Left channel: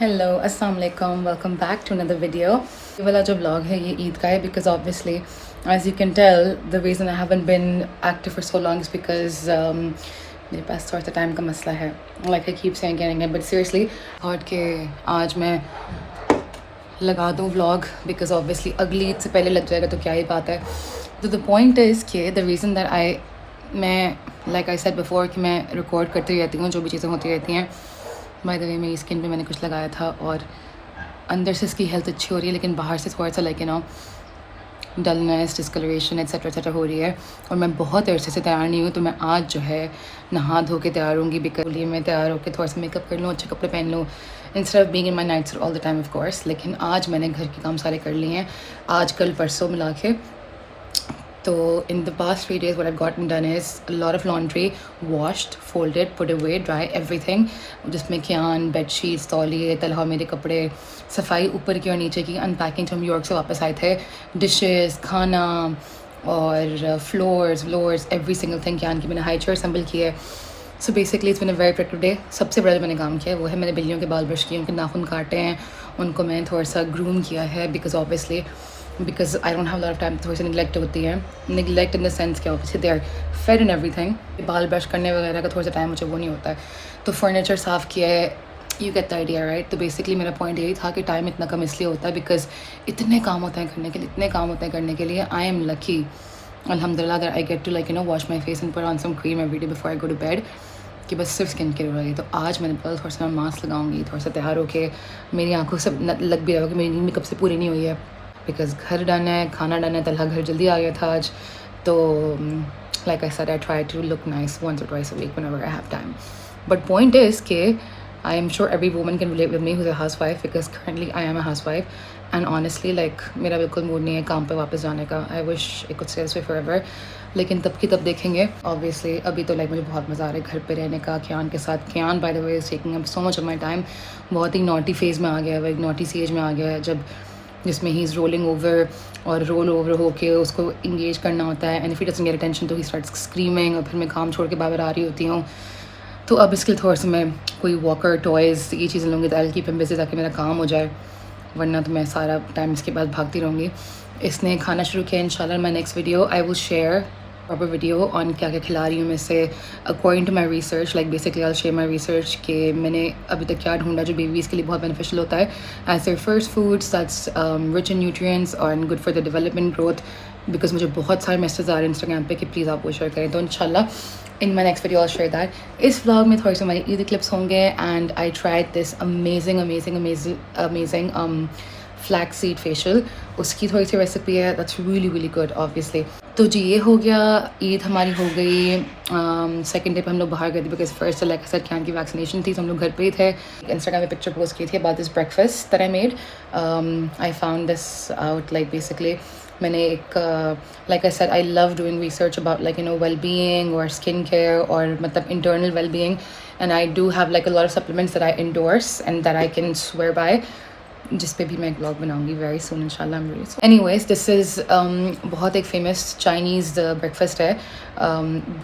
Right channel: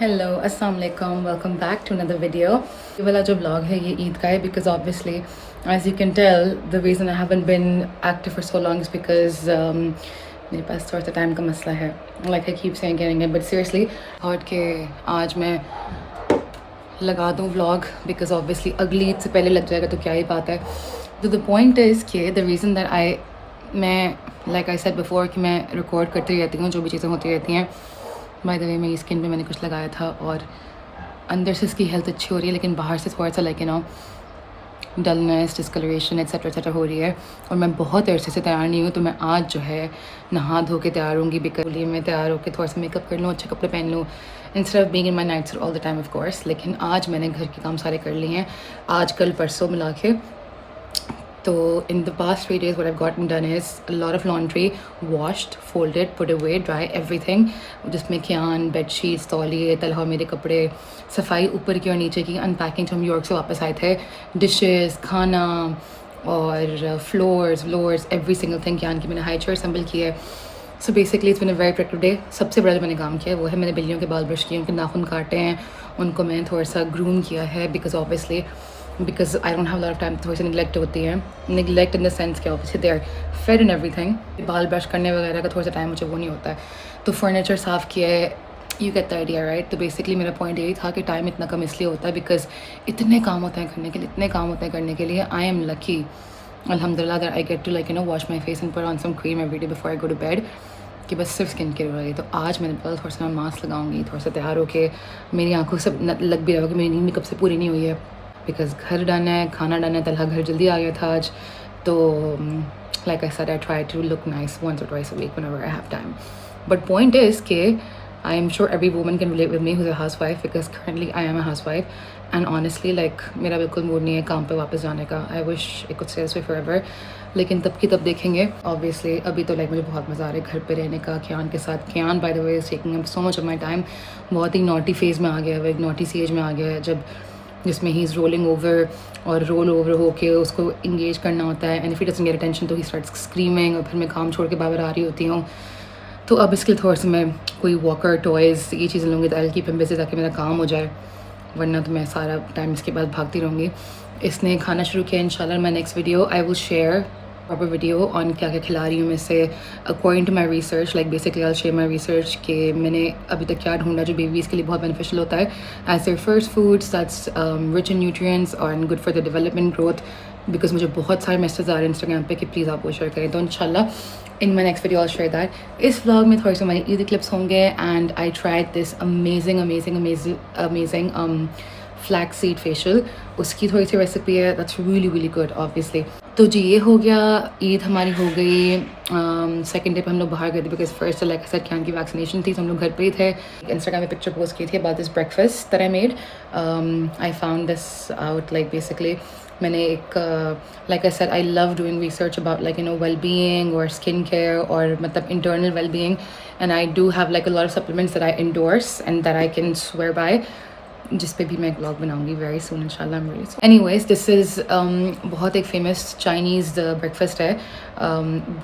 Hello अस्सलाम वालेकुम welcome back to another video. ये वाला जो व्लॉग है ये ईद का है because obviously as you can tell the reason I haven't been active for so long is because मेरे पास थोड़ा सा टाइम का मसला है। Like I keep saying but seriously thought के आज मैं लगा दूँ व्लॉग बिकॉज ऑब्वियसली अगली ईद से पहले लग जाएगा तो क्या ही बात है। तो द पॉइंट इज़ कि द रीज़न दैट मैं लाइक आई सेड बिफोर कि मैं रिकॉर्ड करती रहती हूँ जो भी चीज़ें होती रहती हैं। बाय द वे मेरी स्किन पे मैंने कुछ लगाया था और अंदर से इसकी हेल्थ अच्छी हो रही है लेकिन बाहर से थोड़ा सा लाइक डलनेस डिस्कलरेशन एट्सेट्रा हो रही है। और मैं बहुत अरसे से तैयार नहीं हूँ तो मैं आज जो है नहा धो के तैयार होंगी बिकॉज मैं तैयार होकर थोड़ा सा मेकअप कर लूँ, अच्छे कपड़े पहन लूँ instead of being in my nights all the time of course. लेकिन आज मैंने घर के काम सारे कर लिए हैं, आज कल परसों मिला के। तो in the past 3 days what I've gotten done is a lot of laundry, washed, folded, put away, dry, everything, जिसमें खियान, बेडशीट्स, तौलिए, तलहा मेरे कपड़े, सफाई ऊपर की और नीचे की, अनपैकिंग जो हम न्यूयॉर्क से वापस आए थे, डिशेस, खाना और फ्लोर्स एवरी सिंगल थिंग खियान की मैंने हाई चेयर असम्बल की है। So basically it's been a very productive day. सबसे बड़ा जो मैंने काम किया है वो है मैंने बिल्लियों के बाल ब्रश किए, उनके नाखून काटे हैं, उनको मैंने थोड़ा सा ग्रूम किया है because I don't have lot of time. थोड़ी सी निगलेक्ट होती है, निगलेक्ट इन द सेंस क्या obviously they are fed in everything. बाल ब्रश करने वगैरह का थोड़ा सा टाइम मुझे वो नहीं होता है। तो फर्नीचर साफ़ किया है, you get the idea right. तो बेसिकली मेरा पॉइंट यही था कि टाइम इतना कम इसलिए होता है बिकॉज इतने काम होते हैं करने के लिए आई एम लकी अल्हम्दुलिल्लाह that I get to like wash my face and put on some cream every day before I go to bed कि बस सिर्फ स्किन केयर हो रही है। तो आज मैंने बोला थोड़ा सा मैं मास्क लगाऊंगी, थोड़ा सा तैयार होकर मेरी आंखों से लग भी रहा होगा कि मेरी नींद भी कब से पूरी नहीं हुई है बिकॉज घर डन है, खाना डन है, तलहा घर जल्दी आ गया था आज। तो like I said I try to look nice once or twice a week whenever I have time. But point is कि I am sure every woman can relate with me who's a housewife because currently I am a housewife and honestly like मेरा बिल्कुल mood नहीं है काम पे वापस जाने का। I wish it could stay this way forever लेकिन तब की तब देखेंगे। ऑब्वियसली अभी तो लाइक मुझे बहुत मज़ा आ रहा है घर पे रहने का खियान के साथ। Khiyan by the way is taking up so much of my time. बहुत ही नॉटी फेज़ में आ गया है, एक नॉटी सी एज में आ गया है जब जिसमें ही इज़ रोलिंग ओवर और रोल ओवर होके उसको इंगेज करना होता है and if it doesn't get attention तो ही स्टार्ट्स स्क्रीमिंग और फिर मैं काम छोड़ के बाहर आ रही होती हूँ। तो अब इसके लिए थोड़ा सा मैं कोई वॉकर टॉयज़ ये चीज़ें लूँगी तो आई कीप हिम बिज़ी ताकि मेरा काम हो जाए, वरना तो मैं सारा टाइम इसके बाद भागती रहूँगी। इसने खाना शुरू किया इंशाल्लाह my next video I will share proper video on क्या क्या खिला रही हूँ मैं से according to my research. Like basically I share my research कि मैंने अभी तक क्या ढूंढा जो बेबीज़ के लिए बहुत बेनिफिशियल होता है as there first foods that's rich in nutrients और good for the development growth. Because मुझे बहुत सारे मैसेज आ रहे हैं इंस्टाग्राम पे कि प्लीज़ आप वो शेयर करें, तो इंशाल्लाह in my next video I share that. इस व्लॉग में थोड़े से हमारी ईद क्लिप्स होंगे and I tried this amazing flax seed facial, उसकी थोड़ी सी रेसिपी है दैट्स रियली गुड ऑब्वियसली। तो जी ये हो गया, ईद हमारी हो गई। सेकंड डे पे हम लोग बाहर गए थे बिकॉज फर्स्ट लाइक सर खियान की वैक्सीनेशन थी तो हम लोग घर पे ही थे। इंस्टाग्राम पे पिक्चर पोस्ट की थी about this breakfast that I made. I found this out like basically मैंने एक like I said I love doing research about like well being और स्किन केयर और मतलब internal well being and I do have like a lot of supplements that I endorse and that I can swear by, जिस पे भी मैं एक vlog बनाऊंगी very soon इंशाल्लाह। एनीवेज दिस इज़ बहुत एक फेमस चाइनीज़ ब्रेकफास्ट है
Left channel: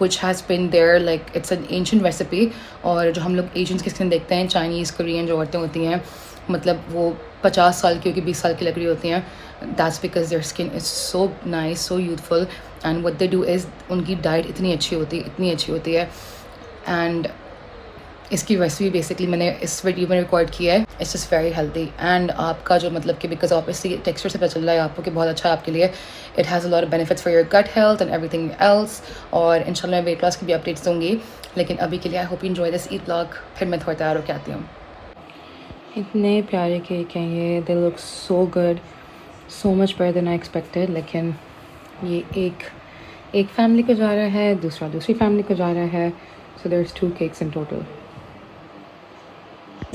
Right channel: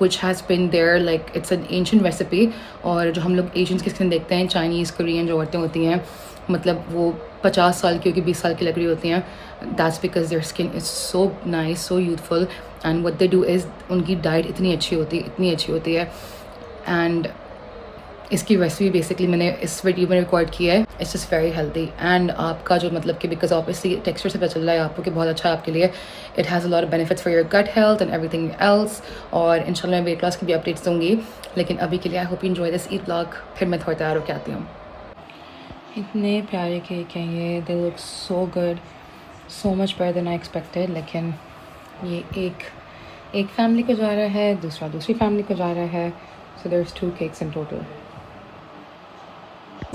which has been there like it's an ancient recipe. और जो हम लोग एशियंस की स्किन देखते हैं चाइनीज़ कोरियन जो औरतें होती हैं मतलब वो 50 साल की होगी 20 साल की लग रही होती हैं, that's because their skin is so nice so youthful and what they do is उनकी डाइट इतनी अच्छी होती है एंड इसकी रेसिपी बेसिकली मैंने इस वीडियो में रिकॉर्ड किया है। It's just very healthy and आपका जो मतलब कि बिकॉज ऑब्वियसली टेक्सचर से पता चल रहा है आपको कि बहुत अच्छा है आपके लिए। It has a lot of benefits for your gut health and everything else. और इंशाल्लाह मैं वेट लॉस की भी अपडेट्स दूँगी लेकिन अभी के लिए I hope you enjoy this Eid vlog. फिर मैं थोड़ा तैयार होकर आती हूँ। इतने प्यारे केक हैं ये, they look so good, so much better than I expected. लेकिन ये एक फैमिली को जा रहा है, दूसरी फैमिली को जा रहा है, so there is 2 cakes in total.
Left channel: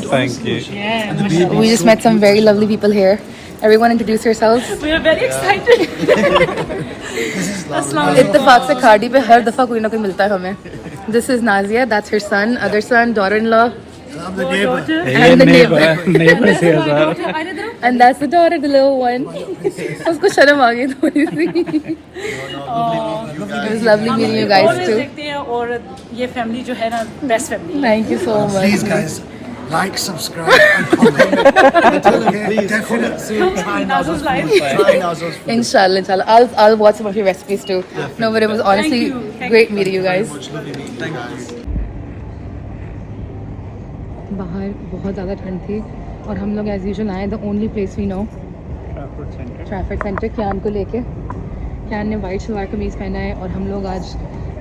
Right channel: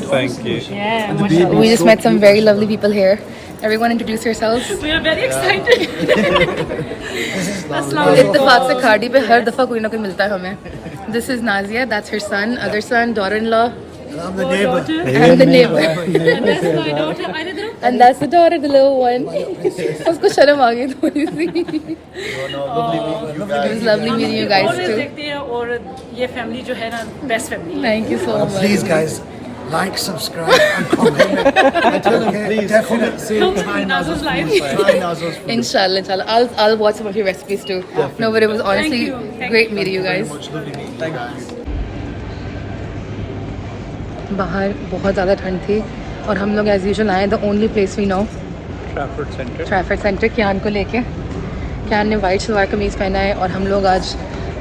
Thank you. Yeah. We just met some very lovely people here. Everyone introduce yourselves. We are very excited. इत्तेफाक से खाड़ी पे हर दफ़ा कोई ना कोई मिलता है हमें। This is Nazia, that's her son, other son, daughter-in-law. I'm the neighbor. ये neighbor से यार। And that's the daughter, the little one. उसको शर्म आ गई थोड़ी सी। It's lovely meeting you guys Always too. देखते हैं और ये फैमिली जो है ना बेस्ट फैमिली है। Thank you so much. These guys. like, subscribe, and comment. And tell them, please, comment soon. Try Naz's food. Try Naz's food. Inshallah. I'll watch some of your recipes too. No, but it was honestly great meeting you guys. Lovely meeting you guys. बाहर बहुत ज़्यादा ठंड थी और हम लोग as usual आए the only place we know Trafford centre Kyan को लेके। क्यान ने वाइट सलवार कमीज़ पहना है और हम लोग आज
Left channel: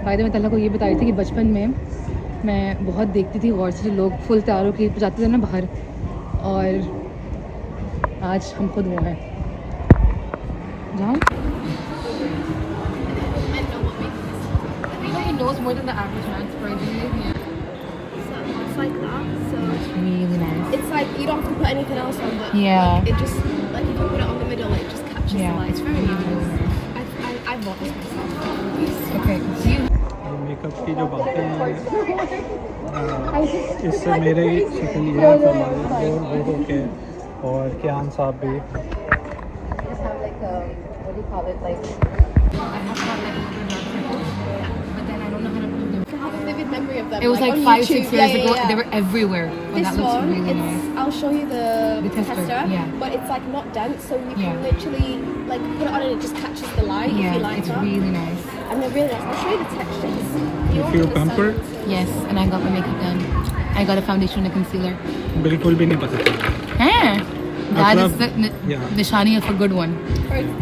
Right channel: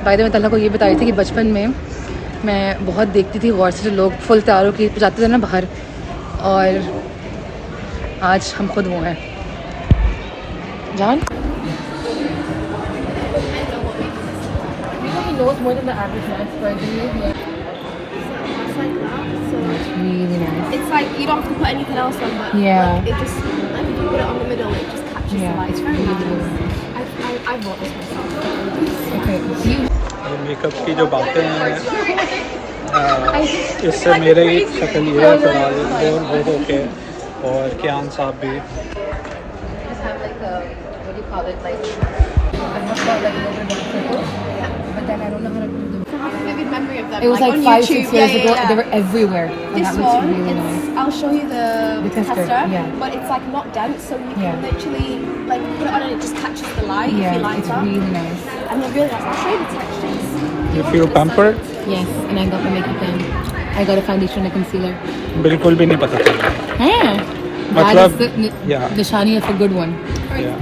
बाय द वे तल्ला को ये बता रही थी कि बचपन में मैं बहुत देखती थी गौर से जो लोग फुल तैयारों के जाते थे ना बाहर, और आज हम खुद वो हैं। जान knows more than the average man, surprisingly. Yeah. It's like that. So Really nice. it's like you don't have to put anything else on, but Yeah. like, it just like if you put it on the middle, it just catches Yeah. the light. It's very nice. I bought this myself. Okay. You makeup की जो बातें हैं इससे मेरे ही शक्ल ये है फिलहाल बहुत ओके, और कियान साहब भी। just have like a what do you call it? Like I have got like a little bit of circle, but then I don't know how to do them. I have a vivid memory of them. It was like on 5-6 YouTube. years Yeah, ago. yeah. They were everywhere, and This that looks one, really it's- nice. I'll show you the tester, yeah. but it's like not dense, so you Yeah. can literally like put it on and it just catches the light. If you Yeah, like it's that. really nice. And it really nice. I'll show you the textures. You feel pampered? Yes, and I got my makeup done. I got a foundation and a concealer. बिल्कुल भी नहीं पता चला। Hey, that मतलब, is the yeah. nishani of a good one. Yeah.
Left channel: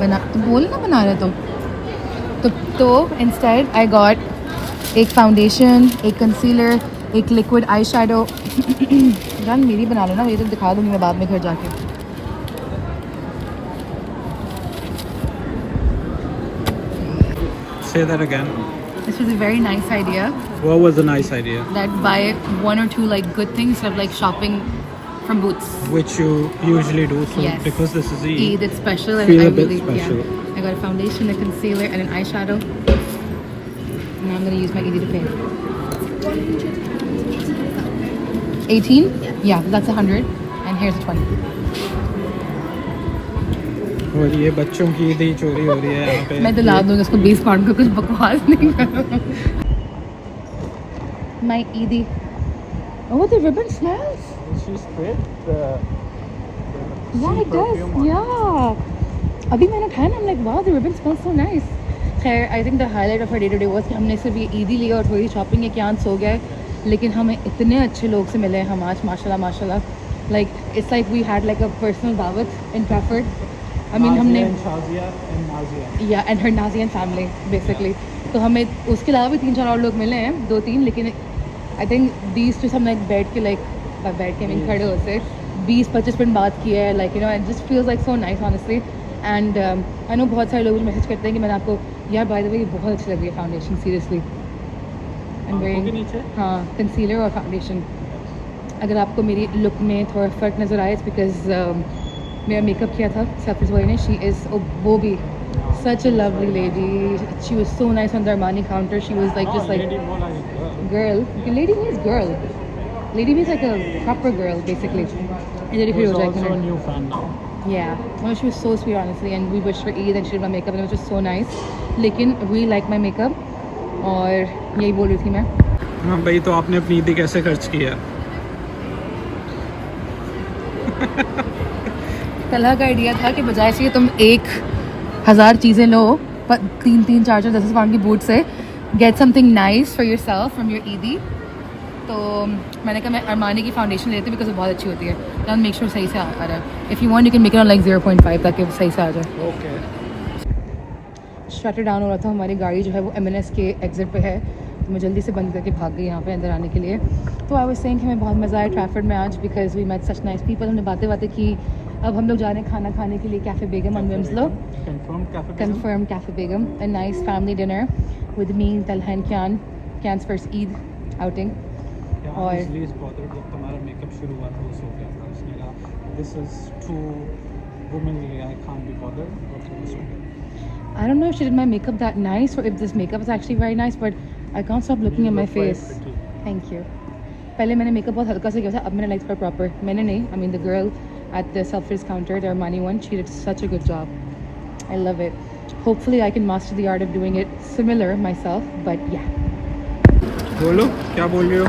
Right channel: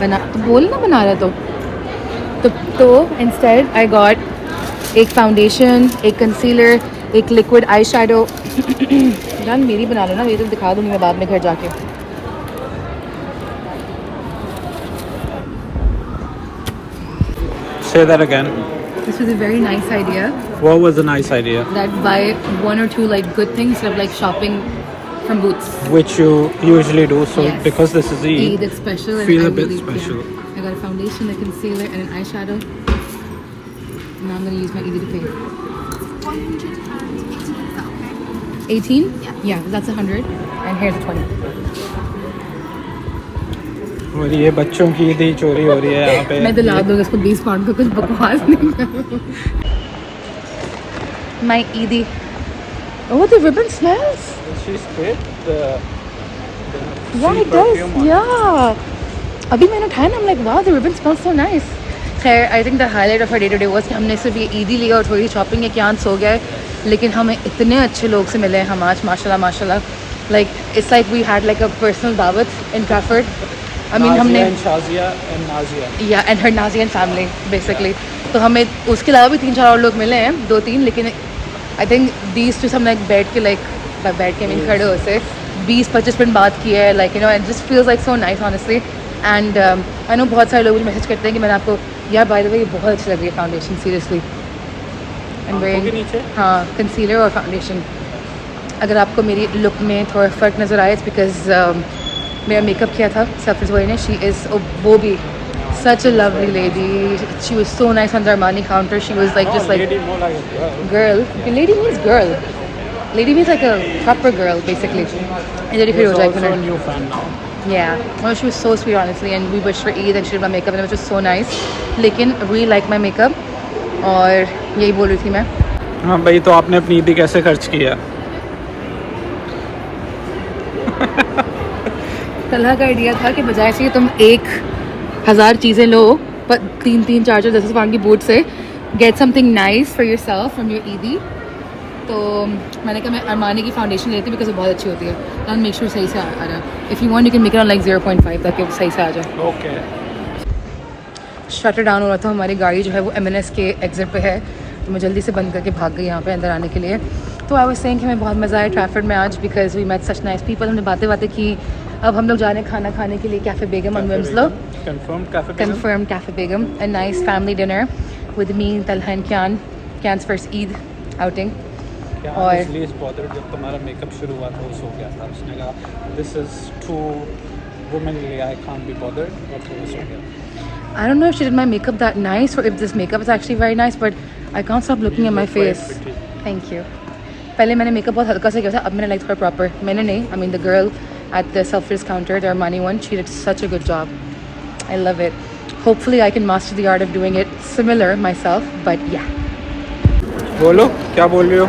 बना तो बोल ना बना रहा तो इंस्टेड आई गॉट एक फाउंडेशन, एक कंसीलर, एक लिक्विड आई शेडो। जान मेरी बना लो ना, ये तो दिखा दूँगी मैं बाद में घर जाके। Say that again. This was a very nice idea What was a nice idea? that buy one or two like good things instead of like shopping from Boots. Which you usually do. So Yes. because this is Eid, Eid, it's special. And feel I a bit really, special. Yeah. I got a foundation, a concealer, and an eyeshadow. Now I'm gonna use my Eid to pay. 18? Yeah, that's 100. And here's a 20. और ये बच्चों की ईद ही चोरी हो रही है यहाँ पे। मैं दिला दूंगा इसको 20 पाउंड का, कुछ बकवास नहीं करो। My Eid. Oh, the ribbon smells. She sprayed the Yeah, it does. Yeah. अभी मैंने उठाया ना, I'm like, wow, the ribbon smells so nice. खैर, I think the highlight of our day today was कि हमने सिर्फ ये ईदी लिया और थोड़ी शॉपिंग है, क्या सो गया है, लेकिन हमें इतने अच्छे लोग से मिले हैं हम आज, माशाल्लाह। Like it's like we had like a personal dawat in Trafford. I mean हमने and Shazia and Nazia. yeah, and her Nazi and family basically. तो हमें उसके अलावा भी 3-4 और लोग मिले हैं, 2-3, लेकिन I think these two हम like बैठ के खड़े हो से 20-25 मिनट बात की है, like you know, it just feels like so nice honestly. And I know बहुत सारे लोग मुझे मैसेज करते हैं कि मैंने आपको यार by the way ये बहुत अच्छी लग रही है फाउंडेशन, seriously. And आंखों के नीचे? हाँ, कंसीलर और फाउंडेशन। अगर आपको मेरी लुक में थोड़ा फ़र्क नज़र आए, इट्स बिकॉज मेरा मेकअप किया था सफर ने। शी इज़ वो भी such a lovely lady. She was so nice on the Armani counter. She was like just like Lady more like a girl. girl. Okay, lady means girl. Lady means like a proper girl basically. And then if you She's like also a new fan now. yeah, well, she was so sweet honestly, and we wished for Eid and she did my makeup and it was just so nice. लेकिन really like my makeup और यही बोल रही थी मैं। हाँ भाई, तो आपने अपनी ईदी कैसे खर्च किया? कलह का आइडिया था कि बजाय से तुम 1000 चीज़ें लो, पर 3-3, 4-4, 10 पाउंड की बूट से get something nice for your self from your ईदी। तो मैंने कहा मैं अरमानी की फाउंडेशन लेती हूँ बिकॉज वो बहुत अच्छी होती है, एंड मेक श्योर सही से आ रहा है। If you want you can make it on like 0.5 ताकि वो सही से आ जाए। ओके। शटर डाउन हो रहा था, हमारी गाड़ी जो है वो M&S के एग्जिट पे है, तो मैं जल्दी से बंद करके भाग गई यहाँ पे अंदर आने के लिए। तो आई वाज सेइंग कि हमें बहुत मज़ा आया ट्रैफर्ड में आज because we met such nice people. हमने बातें की। अब हम लोग जा रहे हैं खाना खाने के लिए cafe Begum on Wilmslow. Confirmed Cafe Begum? Confirmed Cafe Begum, a nice family dinner with me, Talha and Kyan's first Eid outing. Yeah, और- honestly, it's bothered जब तुम्हारा मेकअप शुरू हुआ था, वो सो गया था। उसने कहा this is too womanly, I can't be bothered, और तो वो सो गया। I don't know if she did my makeup that nice or if this makeup is actually very nice, but I can't stop looking at my face. Pretty. Thank you. पहले मैंने makeup बहुत हल्का सा किया था, अब मैंने लाइक थोड़ा प्रॉपर, मैंने नहीं, I mean the girl at the self-service counter, the Armani one, she did such a good job. I love it. Hopefully I can master the art of doing it similar myself, but yeah. बोलो क्या बोल रही हो?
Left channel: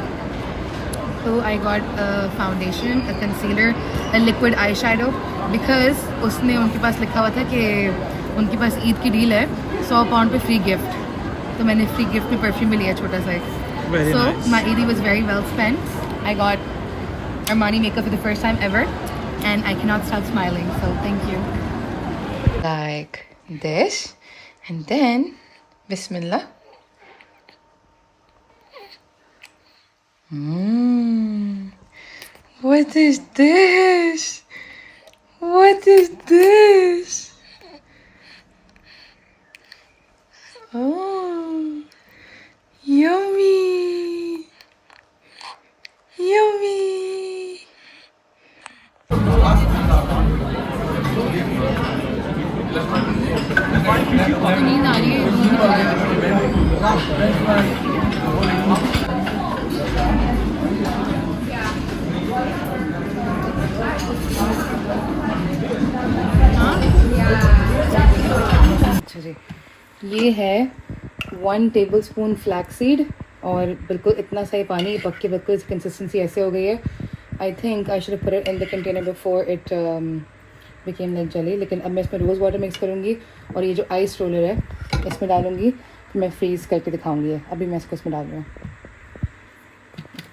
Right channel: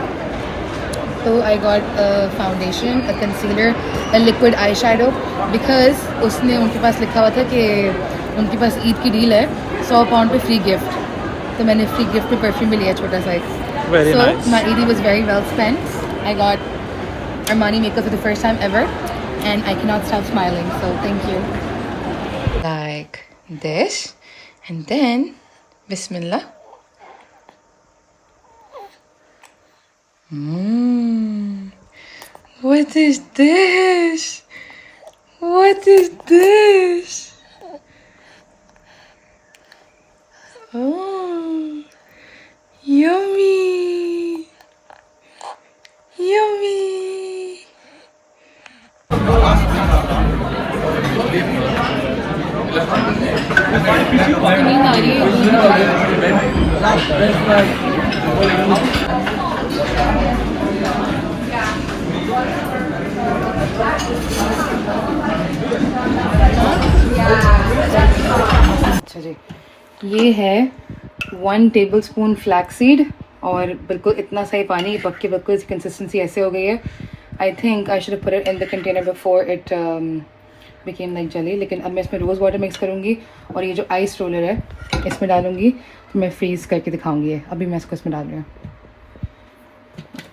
So I got a foundation, a concealer, a liquid eyeshadow because उसमें उनके पास लिखा हुआ था कि उनके पास ईद की डील है, 100 पाउंड पे फ्री गिफ्ट, तो मैंने फ्री गिफ्ट में परफ्यूम भी लिया छोटा सा एक. Very So nice. my Eid was very well spent. I got Armani makeup for the first time ever. And I cannot stop smiling, so thank you. Like this, and then Bismillah. What is this? What is this? Oh, yummy, yummy. नींद आ रही है. अच्छा जी, ये है 1 tablespoon flaxseed और बिल्कुल इतना सा ही पानी, पक के बिल्कुल इसकी कंसिस्टेंसी ऐसे हो गई है. I think I should put it in the container before it became like जली. लेकिन अब मैं इसमें रोज़ वाटर मिक्स करूँगी और ये जो आइस रोलर है इसमें डालूँगी, तो मैं फ्रीज़ करके दिखाऊँगी. अभी मैं इसको इसमें डाल रही हूँ.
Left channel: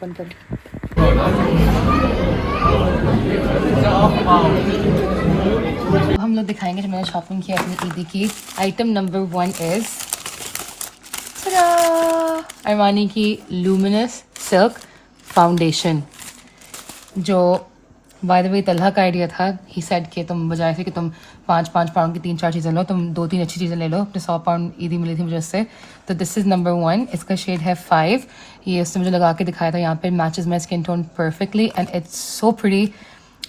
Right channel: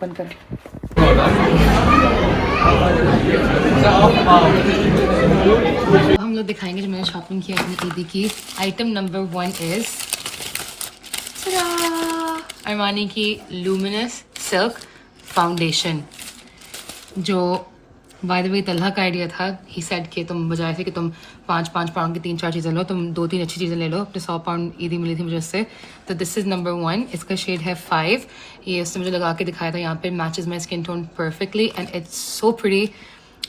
बंद कर. हम लोग दिखाएंगे जो मैंने शॉपिंग किया अपनी ईदी की. आइटम नंबर 1 इज़ अरमानी की लूमिनस सिल्क फाउंडेशन, जो बाय द वे तलहा का आइडिया था. ही सेड कि तुम बजाय से कि तुम 5 पाउंड की 3-4 चीज़ें लो, तुम 2-3 अच्छी चीज़ें ले लो. अपने 100 पाउंड ईदी मिली थी मुझे उससे. तो दिस इज़ नंबर 1. इसका शेड है 5. ये उसने मुझे लगा के दिखाया था. यहाँ पे matches my skin tone perfectly and it's so pretty.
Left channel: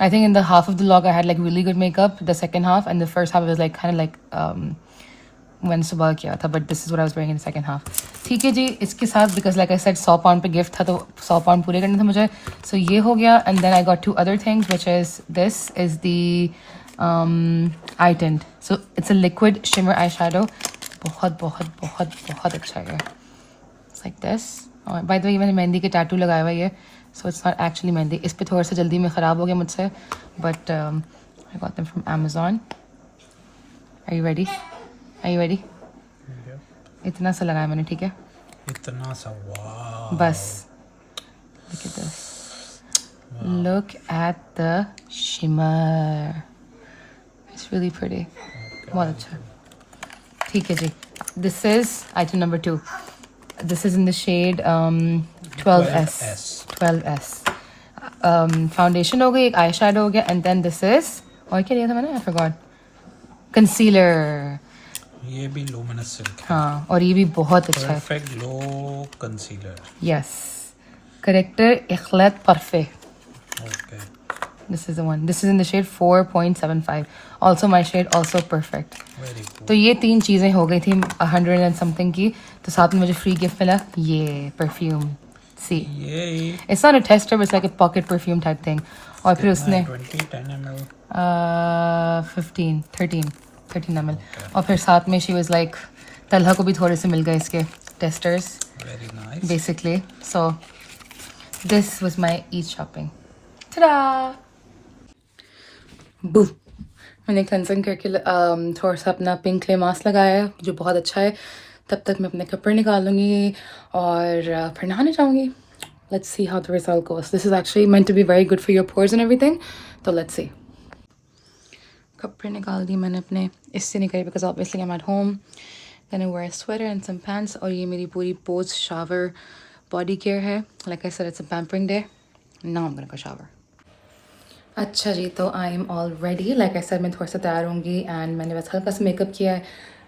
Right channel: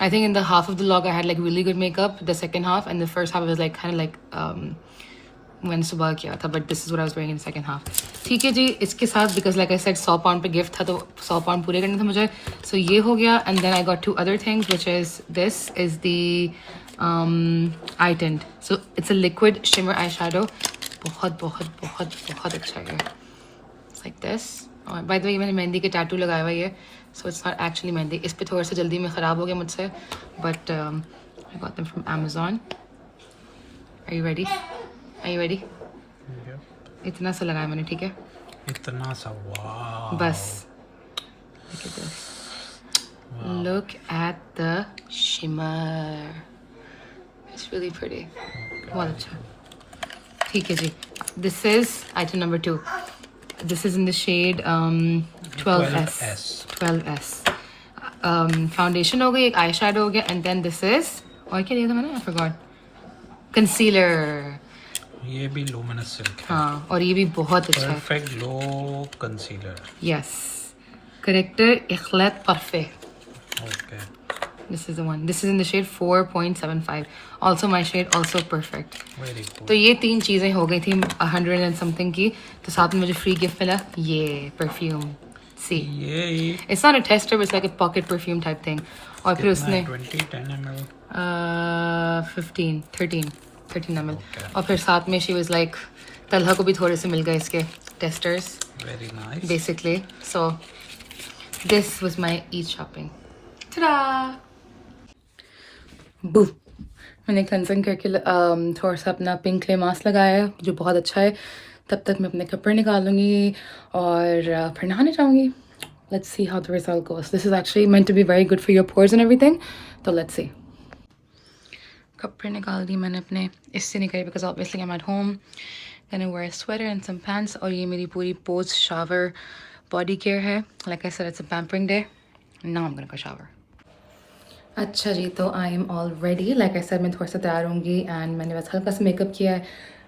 I think in the half of the vlog I had like really good makeup. The second half and the first half was like kind of like when सुबह किया था, but this is what I was wearing in the second half. ठीक है जी, इसके साथ because like I said 100 pound पे gift था, तो 100 पाउंड पूरे करने थे मुझे. So ये हो गया. And then I got 2 other things, which is this is the eye tint. So it's a liquid shimmer eyeshadow. बहुत बहुत बहुत बहुत अच्छा है. It's like this. और by the way मैंने मेहंदी के टैटू लगाया हुआ है, so it's not actually mehndi. इस पे थोड़ा सा जल्दी में ख़राब हो गया मुझसे, but I got them from Amazon. Are you ready? Are you ready? Yep. इतना सा लगाया मैंने, ठीक है? इतना सा. वाह. बस. Look at this. Wow. Look at the shimmer. It's really pretty. Okay. बहुत अच्छा. ठीक है जी. This is item number 2. This is in the shade 12S. 12S. Foundation हो गई, एक आई शेडो हो गया, and then this is, और क्या लिया था मैंने? I forgot. Concealer. ये भी लूमिनस सिल्क है. हाँ, और ये भी बहुत अच्छा है. Perfect glow concealer. Yes. Corrector इखलात perfect. Okay. This is the one. This is in the shade 4.75. Also my shade, also perfect. Very good. तो ये 3 चीज़ें हो गई थी 100 and something की. तो साथ में मुझे फ्री गिफ्ट मिला ये परफ्यूम. See, ये it's not a tester, but it's like a pocket perfume type thing. और फिर उसने 10 ml. 13 ml. Okay. और फिर साथ में she was like, तलहा को भी थोड़े से मिल गए इसके testers very nice. basically. So this was my Eid shopping. Ta-da! Boo! मैंने क्लेंजिंग करके थोड़ा सा अपना पिंक क्ले मास्क लगाया है, जो बहुत अच्छा है. तब तक मैं अपने कपड़े निकाल लूँगी और फिर नहाने जाऊँगी. Let's see how the result goes. This is actually meant to be very good for your pores and everything. So let's see. कपड़े निकाल दिए मैंने अपने. इससे निकाली because obviously I'm at home. Then I wear a sweater and some pants. और ये मेरी पूरी post shower body care है. Like I said, it's a pampering day. Now I'm gonna go shower. अच्छा जी, तो I am all ready. Like I said मैं थोड़ा सा तैयार होंगी एंड मैंने बस हल्का सा मेकअप किया है.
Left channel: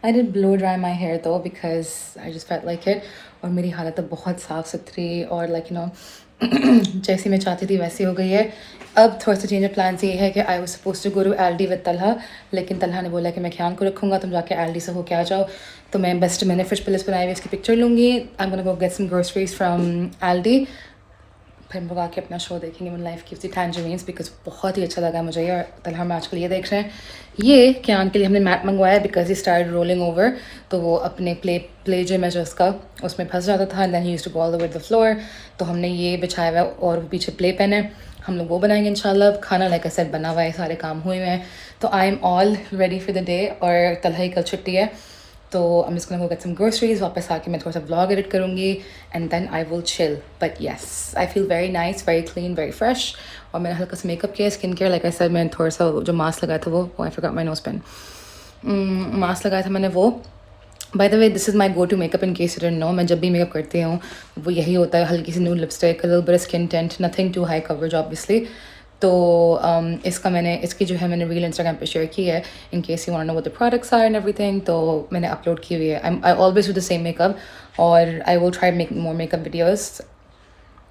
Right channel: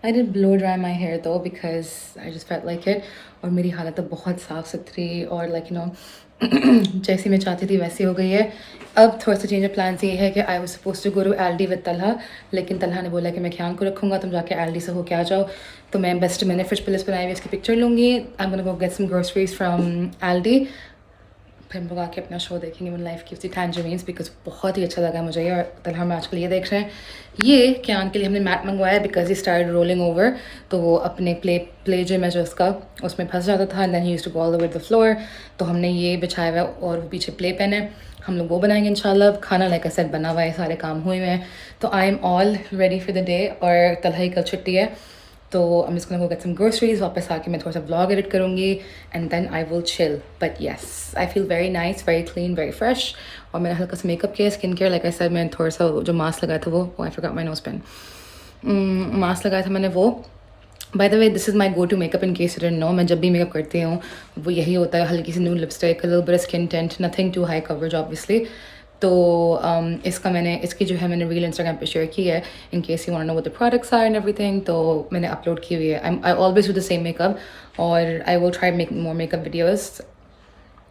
I did blow dry my hair though because I just felt like it. और मेरी हालत तो बहुत साफ़ सुथरी और लाइक यू नो जैसी मैं चाहती थी वैसी हो गई है. अब थोड़ा सा चेंज ऑफ प्लान ये है कि I was suppose to go to Aldi with Talha, लेकिन तलहा ने बोला कि मैं ख्याल को रखूँगा, तुम जाके एल्डी से होके आ जाओ. तो मैं बेस्ट मैंने फिश प्लेस बनाई हुई इसकी पिक्चर लूँगी. I am gonna go get some groceries from Aldi. फिर हम लोग आके अपना शो देखेंगे one life gives you tangerines because बहुत ही अच्छा लगा मुझे ये। और तलहा हम आजकल ये देख रहे हैं, ये क्या के लिए हमने मैट मंगवाया because he start rolling over, तो वो अपने प्ले जिम है जो उसका उसमें फंस जाता था and then he used to go all over the floor. तो हमने ये बिछाया हुआ है और पीछे प्ले पेन है, हम लोग वो बनाएंगे इंशाल्लाह। अब खाना लाइक आई सेड बना हुआ है, सारे काम हुए हुए हैं, तो I am all ready for the day. और तलहा कल छुट्टी है, तो I'm just gonna go get some groceries, वापस आके मैं थोड़ा सा vlog edit करूँगी and then I will chill. But yes, I feel very nice, very clean, very fresh. और मैंने हल्का सा मेकअप किया, skin care like I said, मैंने थोड़ा सा जो मास्क लगाया था वो I forgot my nose pen. Mask लगाया था मैंने वो। By the way, this is my go-to makeup in case you didn't know. मैं जब भी मेकअप करती हूँ वो यही होता है, हल्की सी new lipstick, a little bit of skin tint, nothing too high coverage obviously. तो इसकी जो है मैंने रील इंस्टाग्राम पे शेयर की है in case you want know what the products are and everything, तो मैंने अपलोड की हुई है। I always do the same makeup और I will try make more makeup videos,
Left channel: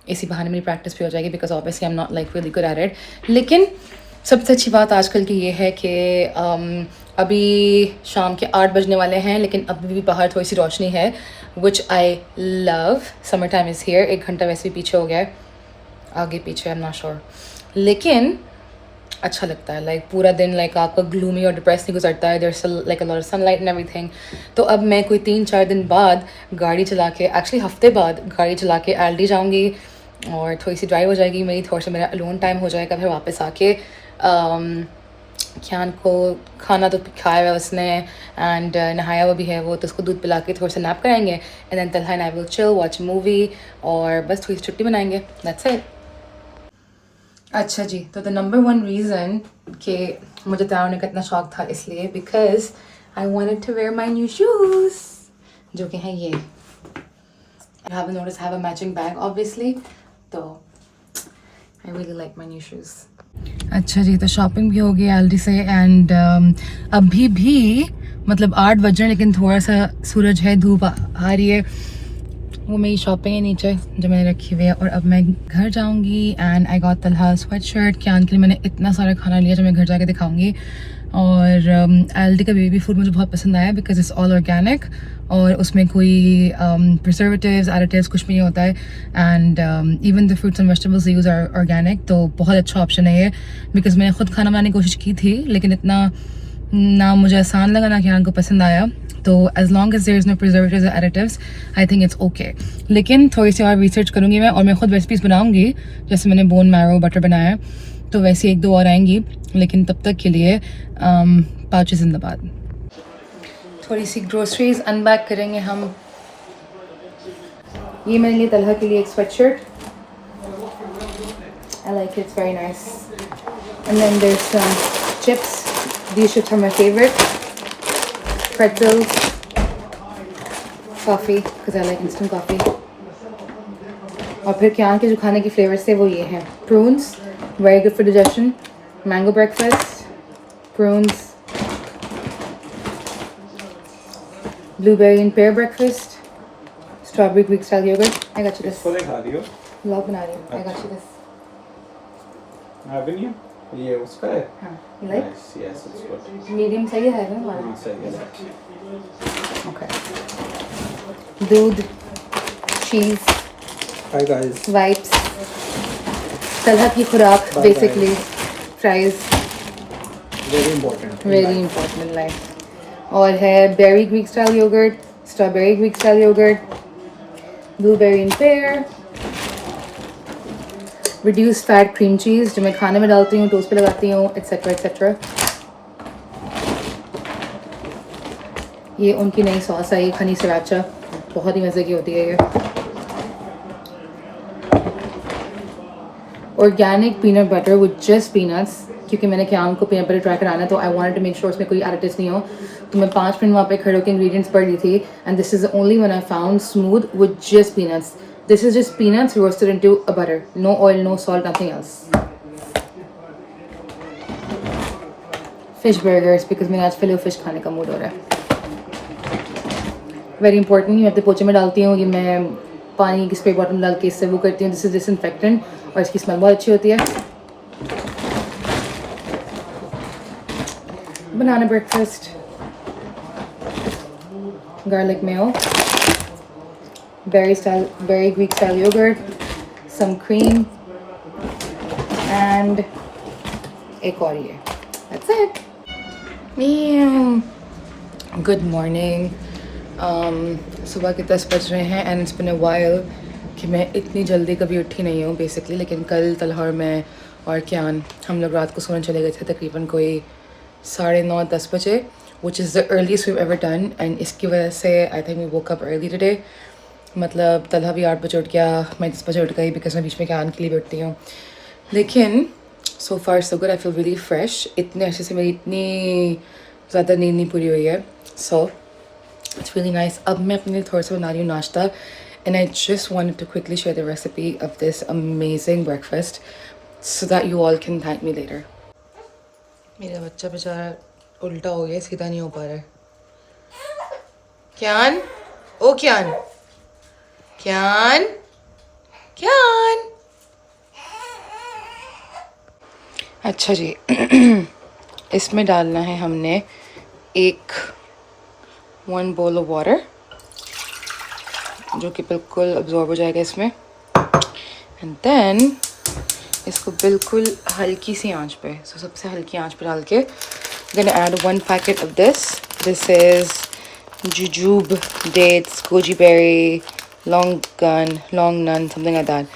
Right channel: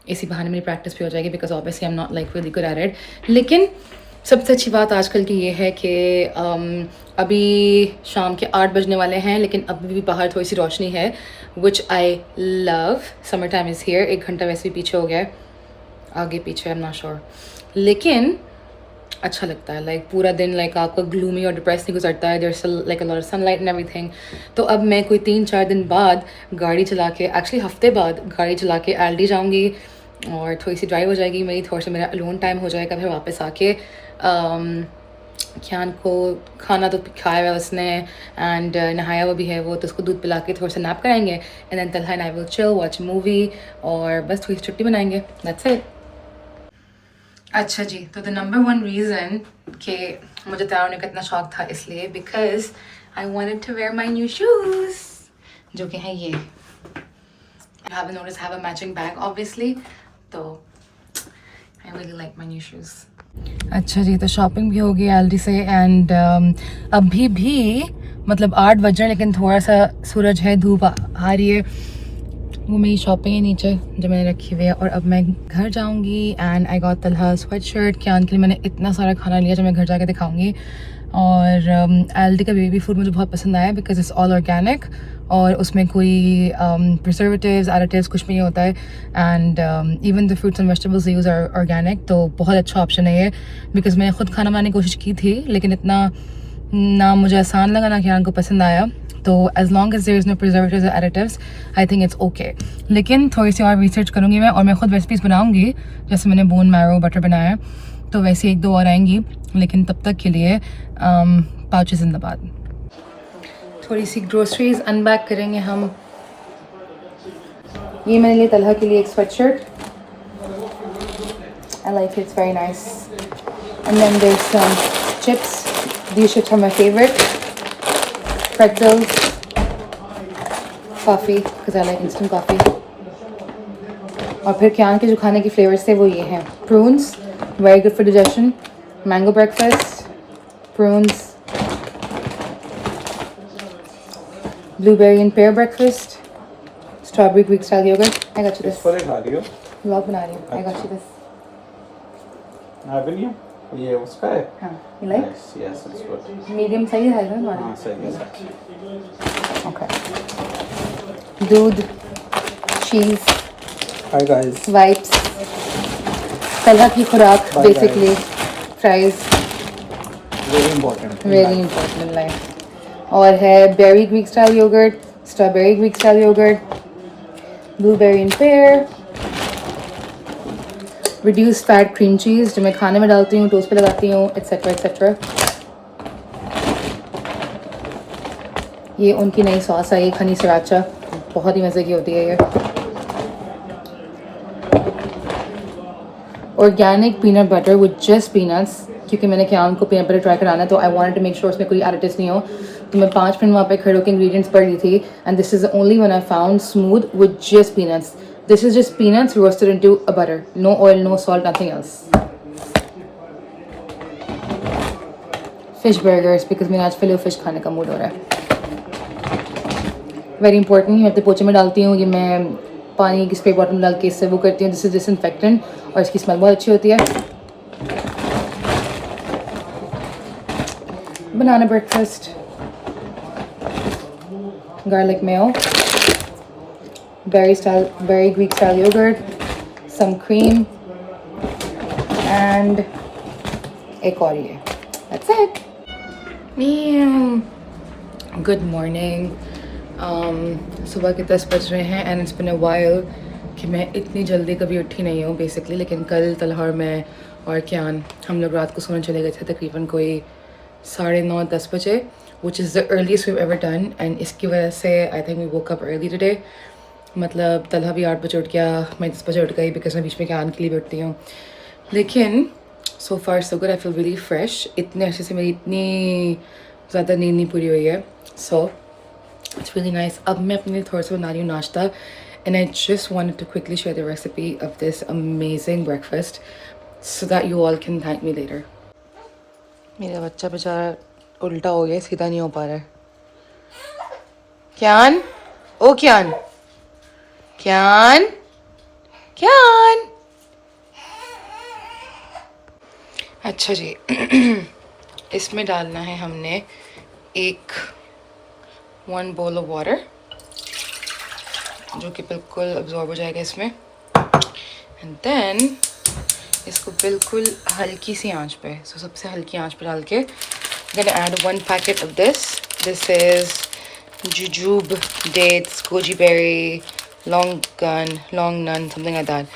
इसी बहाने मेरी प्रैक्टिस भी हो जाएगी because obviously I am not like really good at it. लेकिन सबसे अच्छी बात आजकल की ये है कि अभी शाम के 8 बजने वाले हैं लेकिन अभी भी बाहर थोड़ी सी रोशनी है, which I love. Summer time is here, 1 घंटा वैसे भी पीछे हो गया है, आगे पीछे आई एम नॉट श्योर, लेकिन अच्छा लगता है। लाइक पूरा दिन लाइक आपका ग्लूमी और डिप्रेस नहीं गुजरता है, there is like a lot of sunlight and everything. तो अब मैं कोई 3-4 दिन बाद गाड़ी चला के, एक्चुअली हफ्ते बाद गाड़ी चला के एल्डी जाऊँगी और थोड़ी सी ड्राइव हो जाएगी मेरी, थोड़ा सा मेरा अलोन टाइम हो जाएगा। फिर वापस आके ख्यान को खाना तो खाया हुआ उसने एंड नहाया हुआ भी है वो, तो उसको दूध पिला के थोड़ा सा नैप कराएंगे and then Talha and I will chill, watch movie और बस थोड़ी सी छुट्टी बनाएंगे, दैट्स इट। अच्छा जी, तो द नंबर 1 रीज़न कि मुझे तैयार होने का इतना शौक था इसलिए because I wanted to wear my new shoes, जो कि हैं ये। You have notice have a matching bag obviously, तो I really like my new shoes. अच्छा जी, तो शॉपिंग भी हो गई एल्डी से एंड अभी भी मतलब 8 बज रहे हैं लेकिन थोड़ा सा सूरज है, धूप आ रही है। वो मेरी शॉपिंग है नीचे जो मैंने रखी हुई है और अब मैं घर जाऊंगी and I got Talha sweat shirt. क्या के लिए मैंने इतना सारा खाना लिया जो मैं घर जाके दिखाऊंगी। और एल्डी का बेबी फूड मुझे बहुत पसंद आया बिकॉज इट्स ऑल ऑर्गेनिक और उसमें कोई प्रिजर्वेटिव्स एडिटिव्स कुछ भी नहीं होता है and even the fruits and vegetables use are organic, तो बहुत अच्छा ऑप्शन है ये। बिकॉज मैंने खुद खाना बनाने की कोशिश की थी लेकिन इतना ना मुझे आसान लगा ना क्या को पसंद आया, तो as long as there is no preservatives और additives I think it's okay. लेकिन थोड़ी सी और रिसर्च करूँगी मैं और मैं खुद रेसिपीज़ बनाऊँगी, जैसे मैंने बोन मैरो बटर बनाया तो वैसे 1-2 और आएंगी, लेकिन तब तक के लिए पाउचेस जिंदाबाद। थोड़ी सी ग्रोसरीज अनबैग करेंगे हम। ये मैंने लिए तलहा के लिए एक sweatshirt, I like it's very nice and then there some chips, these chips are my favorite, pretzels, coffee because I like instant coffee। और फिर क्या के जो खाने के फ्लेवर्स थे वो ये हैं, prunes very good for digestion, mango breakfast, prunes, blueberry and pear breakfast, strawberry Greek style yogurt। I got you this, vlog बना रही हूँ, I got you this। ये उसका है? हाँ, you like? Yes, it's good. Medium सही है ना हमारा? हाँ, सही है। ओके, दूध, cheese, Hi guys. Wipes, Talha की खुराक Bye, basically fries, Very important. Very important in life. और है berry Greek style yoghurt, strawberry Greek style yoghurt, blueberry and pear, reduced fat cream cheese जो मैं खाने में डालती हूँ, टोस्ट पे लगाती हूँ, एट्सेट्रा एट्सेट्रा। ये उनकी नई सॉस आई, हनी सराचा, बहुत ही मज़े की होती है ये। Organic peanut butter with just peanuts, क्योंकि मैंने क्या उनको पीनट बटर ट्राई कराना है तो I wanted to make sure उसमें कोई एडिटिव्स नहीं हो। तो मैं 5 मिनट वहाँ पे खड़े होकर इंग्रेडिएंट्स पढ़ ली थी and this is the only one I found smooth with just peanuts. This is just peanuts roasted into a butter, no oil, no salt, nothing else. Fish burgers because मेरा आज फिले fish खाने का mood हो रहा है। Very important, मैं अपने पोचे में डालती हूँ, ये मैं पानी की स्प्रे बॉटल में डाल के इससे वो करती हूँ। दिस इज डिसइंफेक्टेंट और इसकी स्मेल बहुत अच्छी होती है। Banana breakfast, garlic mayo, berry Greek style yogurt, some cream, and एक और ये. That's it. Meow. Good morning. सुबह के 10 बज रहे हैं and it's been a while कि मैं इतनी जल्दी कभी उठी नहीं हूँ बेसिकली. लेकिन कल तलहा और मैं और क्यान हम लोग रात को सोने चले गए थे तकरीबन कोई 9:30-10 बजे, which is the earliest we've ever done. and इसकी वजह से I think we woke up early today. मतलब तलहा भी 8 बजे उठ गया, मैं 10 बजे उठ गई बिकॉज मैं बीच में क्यान के लिए बैठती हूँ. लेकिन so far so good. I feel really fresh. इतने अच्छे से मेरी इतनी ज़्यादा नींद नहीं पूरी हुई है. So it's really nice. अब मैं अपने लिए थोड़ा सा बना रही हूँ नाश्ता. And I just wanted to quickly share the recipe of this amazing breakfast so that you all can thank me later. मेरा बच्चा बेचारा उल्टा हो गया, सीधा नहीं हो पा रहा है. क्यान, ओ क्यान, क्यान, क्यान. अच्छा जी. इसमें डालना है हमने 1 bowl of water जो कि बिल्कुल अब्जॉर्ब हो जाएगा इसमें. एंड देन इसको बिल्कुल हल्की सी आंच पे, सबसे हल्की आंच पे डाल के then add 1 packet of this. This is jujube dates, goji berry, long nun, something like that.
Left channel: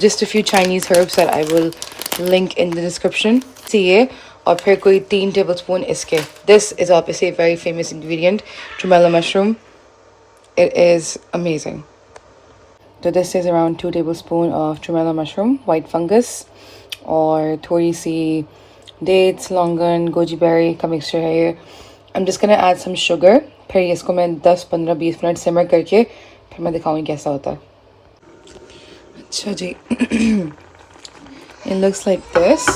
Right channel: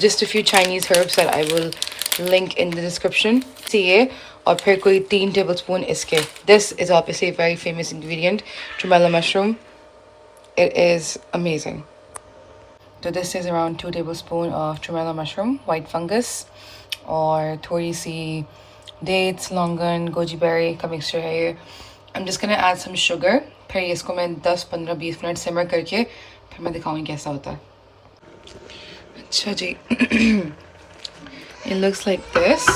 Just a few Chinese herbs that I will link in the description. See, और फिर कोई 3 tablespoon इसके. This is obviously a very famous ingredient, tremella mushroom. It is amazing. So this is around 2 tablespoon of tremella mushroom, white fungus, और थोड़ी सी dates, longan, goji berry का mixture है ये. I'm just gonna add some sugar. फिर इसको मैं 10-15-20 minute सिमर करके फिर मैं दिखाऊंगी कैसा होता है. अच्छा जी. It looks like this.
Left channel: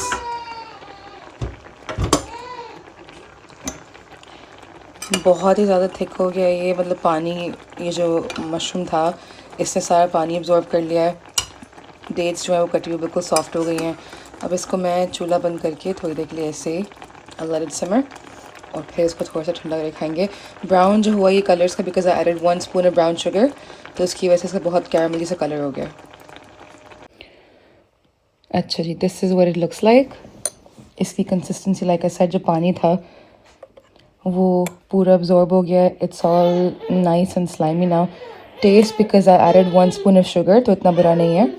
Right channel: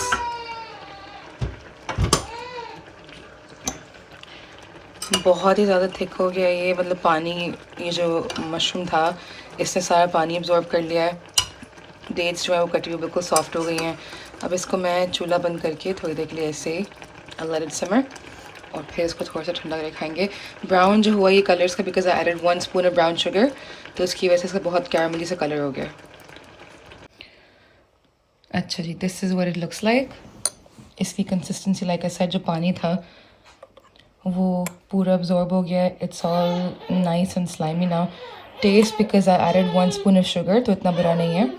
बहुत ही ज़्यादा थिक हो गया ये, मतलब पानी, ये जो मशरूम था इसने सारा पानी अब्जॉर्ब कर लिया है. डेट्स जो है वो कटी हुई बिल्कुल सॉफ्ट हो गई हैं. अब इसको मैं चूल्हा बंद करके थोड़ी देर के लिए ऐसे let it simmer और फिर इसको थोड़ा सा ठंडा करके खाएंगे. ब्राउन जो हुआ ये कलर्स का because I added 1 spoon of brown sugar, तो उसकी वजह से इसका बहुत कैरमली सा कलर हो गया. अच्छा जी, this is what it looks like. इसकी कंसिस्टेंसी लाइक आई सेड जो पानी था वो पूरा अब्जॉर्ब हो गया. It's all nice and slimy now. Taste because I added 1 spoon of sugar तो इतना बुरा नहीं है.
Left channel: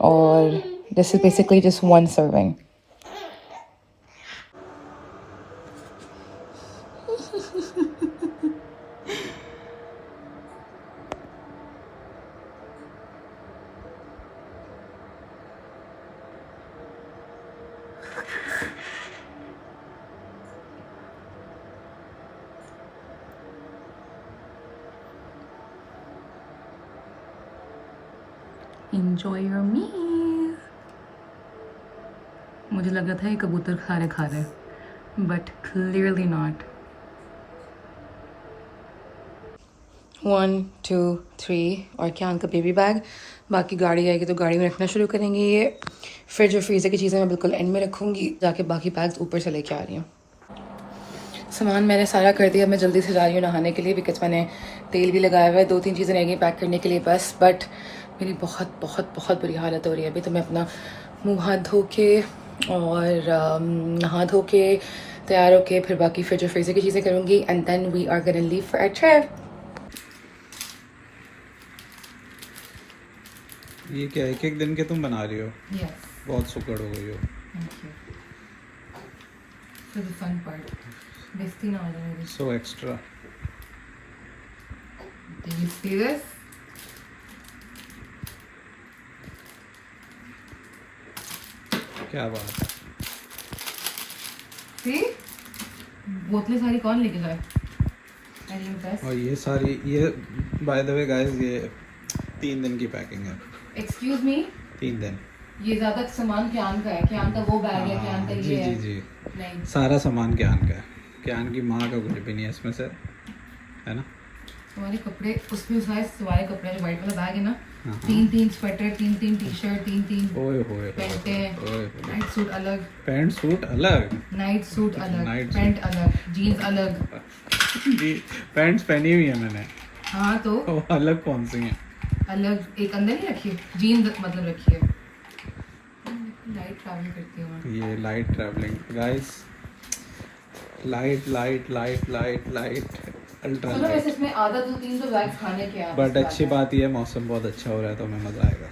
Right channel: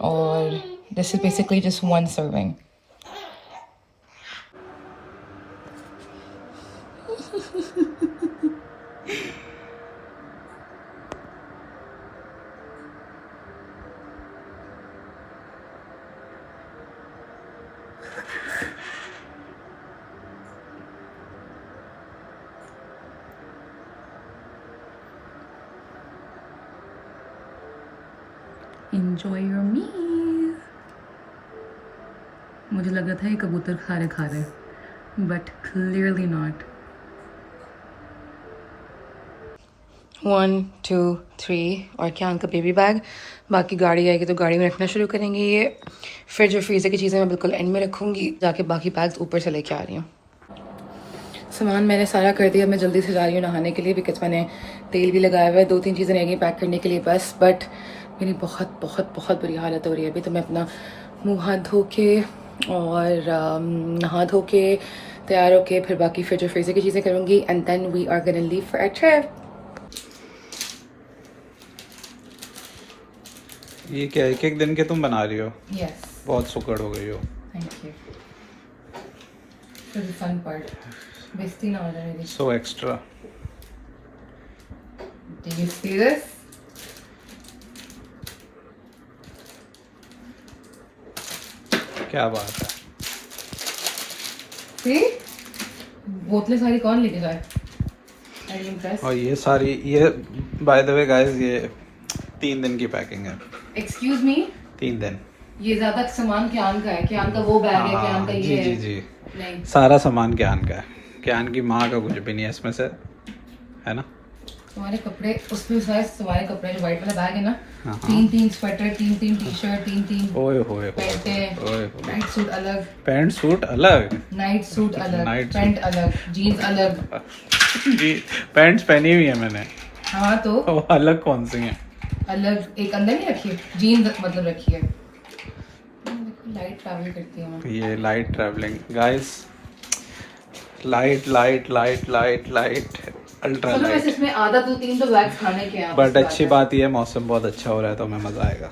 और this is basically just 1 serving. Enjoy your meal. मुझे लगा था ये कबूतर खा रहे but clearly not. 1 2 3 और क्या उनका बेबी बैग. बाकी गाड़ी आएगी तो गाड़ी में रखना शुरू करेंगे ये. फिर जो फ्रीज़र की चीज़ें मैं बिल्कुल एंड में रखूँगी. जाके बाकी बैग्स ऊपर से लेके आ रही हूँ. सामान मैंने सारा कर दिया. मैं जल्दी से जा रही हूँ नहाने के लिए बिकॉज मैंने तेल भी लगाया हुआ है. 2-3 चीज़ें रह गई पैक करने के लिए बस. बट मेरी बहुत बहुत बहुत बुरी हालत हो रही है अभी. तो मैं अपना मुँह हाथ धो के और नहा धो के तैयार होके फिर बाकी फिर जो फ्रीज़र की चीज़ें करूँगी. And then we are gonna leave for a trip. ये क्या एक दिन के तुम बना रही हो? Yes. बहुत सुकड़ हो गई हो. Thank you. For the fun part. बेइज्जती ना हो जाए मेरी. So extra. Do you see this? क्या बात है. See? बोतलें सारी कौन लेके जाए? Are you impressed? और ये सारी, ये बाय द वे गाइस ये 3 दिन की पैकिंग है. Excuse me? 3 दिन. ये ज्यादा सामान क्यान का है. क्यान का वो बैग है, क्यान का जी ये जी है. जी. नहीं. सारा सामान क्यान का है. क्यान की माँ का कुछ भी नहीं है इसमें से, है ना? तुम्हारे कपड़े उसमें तुम्हारे कपड़े जो व्हाइट वाला बैग है ना, हाँ. 3 स्वेटर, 3 टी-शर्ट, 3 ओए होए पैंटें, ओए. नाइट सूट अलग, पैंट सूट अलग, नाइट सूट अलग, Night पैंट अलग, जीन्स अलग. जी पैंट्स पहनी हुई है मैंने. हाँ तो वो अलग कौन सी हैं? अलग एक अंदर नहीं रखी है जीन्स मतलब रखी है लाइट ट्रैवल करती हूँ ये light travelling guys light light light light light ultra चलो वैसे लाइट इसमें आधा 2-3 तो बैग्स खाने के हैं बट अच्छी बात ये है मौसम बहुत अच्छा हो रहा है तो हमें मज़ा आएगा